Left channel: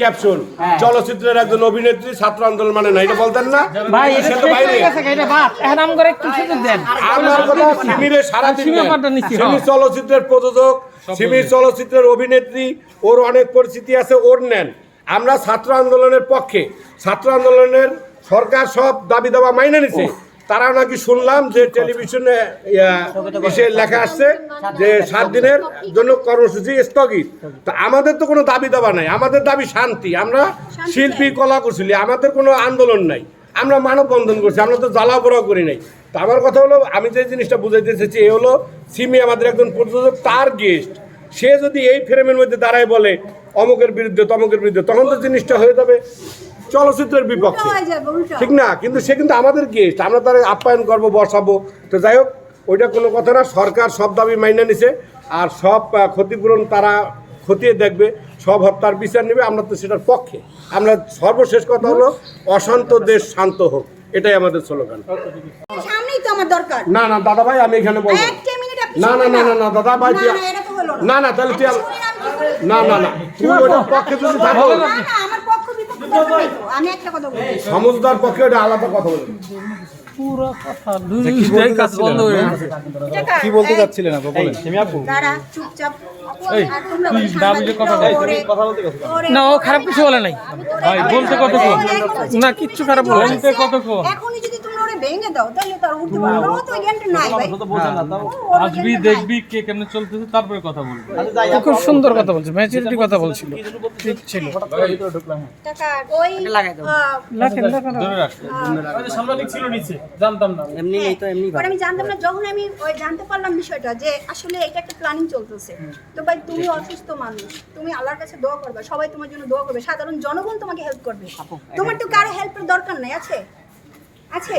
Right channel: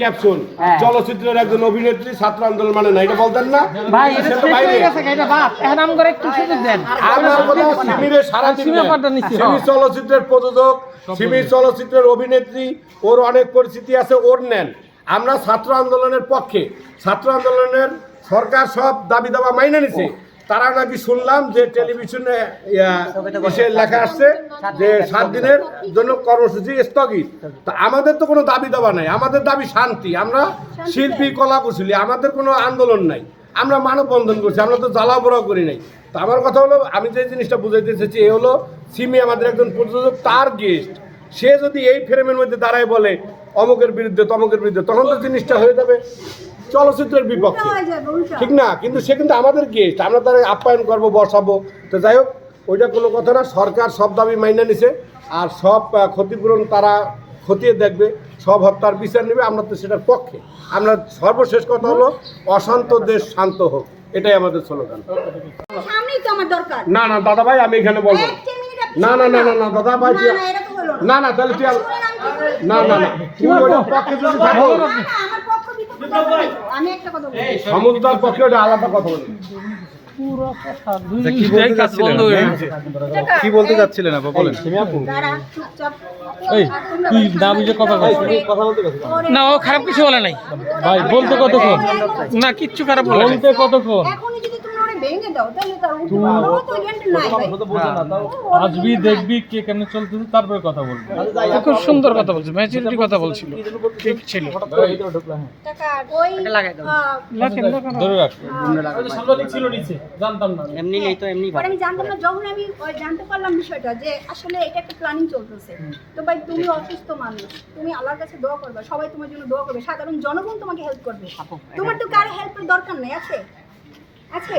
Capsule চলচ্চিত্রের একজন অভিনেত্রী ছাত্র আন্দোলন মানে না এটা বলতেন না? হয়ে সিমিরে। চলচ্চিত্রের প্রযোজক সিমি চলচ্চিত্রের অভিনেত্রী ওর অনেক পরিস্থিতি আছে ওর নেন। আমরা ছাত্র আন্দোলনের পক্ষে ছাত্র আন্দোলনের সরকার সব দাবি দাবা মাইনে নিছে। তারা নাকি শুনলাম যে টেলিভিশনে ইয়া, এসে লেখা আসছে যে সাত দিনের জন্য কর্মসূচি স্থগিত। তা আমাদের তো কোনো দাবি দাবা নাই। আমাদের দাবি শান্তি। আমরা শিল্পী কলা কুশলী আমাদের কোনো আন্দোলন নাই। আমরা মানববন্ধন করছি আমরা তো জ্বালা পোড়াও করি নাই। তো আমার কথা হলো আমি যে জিনিসটা বুঝাইতে চেয়েছি এ হলো সিমি আমাদের একজন প্রযোজক তার গেস্ট সে যদি এই ফ্রেমের মধ্যে দাঁড়ায় বলে অমুকের বিরুদ্ধে তমকের বিরুদ্ধে তখন তো জিনিসটা হয়ে যাবে। চলচ্চিত্রের বিপক্ষে। ঠিক না কিন্তু সে কিন্তু আমাদের গেস্ট আমরা তার আপ্যায়ন করব বসাবো। তো যাই হোক ওইটা কোনো কথা না সরকার সব দাবি মাইনে নিছে আর সব ক্ষতিপূরণ তারা খতিয়ে দেখবে সব হত্যার বিচার নেবে আমরা তো সেটার পক্ষে। আমরা সর্বশেষ কথা হলো অশান্ত দেশ শান্ত হোক এটাই আমাদের স্লোগান। না না দাদা ভাই আমি এখানে বলব না। না না না না। দাদা ভাই না না তাহলে তুই না না না ওটার পক্ষে যদি থাকো। আমার পক্ষ। আমি একটা কথা ওটা আলাদা কথা বলবি পুরো কথা কি বলতে? কি আপা বলেন। দাঁড়া চুপচাপ। ওরে- না ও খারাপ কিছু বলে নাই। ভাই বলতে কতক্ষণ? না কিচ্ছু খারাপ। বলতে কতক্ষণ? ভেঙে দাও তাহলে তার উঠতে পারবে না। তো জ্ঞানটা নাই ভাই। আসবি দেখবি কে কেমনে চলতেছে তারপরে কথা বলবি। খুব সুন্দর কথা বলছে ম্যাচুরিটি কথা বলছিল। ঠিক ছিল। টাকা, ওই, আহ, লেখেন লেখেন ধরে রাখ। ছিল নিচে জানতাম না। পরে আমি জানতাম না যখন আমি ওই জানতে পারলাম বিষয়টা যে আসলে এটা একটা প্ল্যানিং চলতেছে। তো ভাই তুমি অসুস্থ মানুষ তুমি আল্লাহর কাছে দোয়া করবে সবাই তোমার জন্য দোয়া করবে সাধারণ জনগণ তোমাকে হেল্প করবে। তোমার তো কারও হেল্পের দরকার নাই আছে? আছে?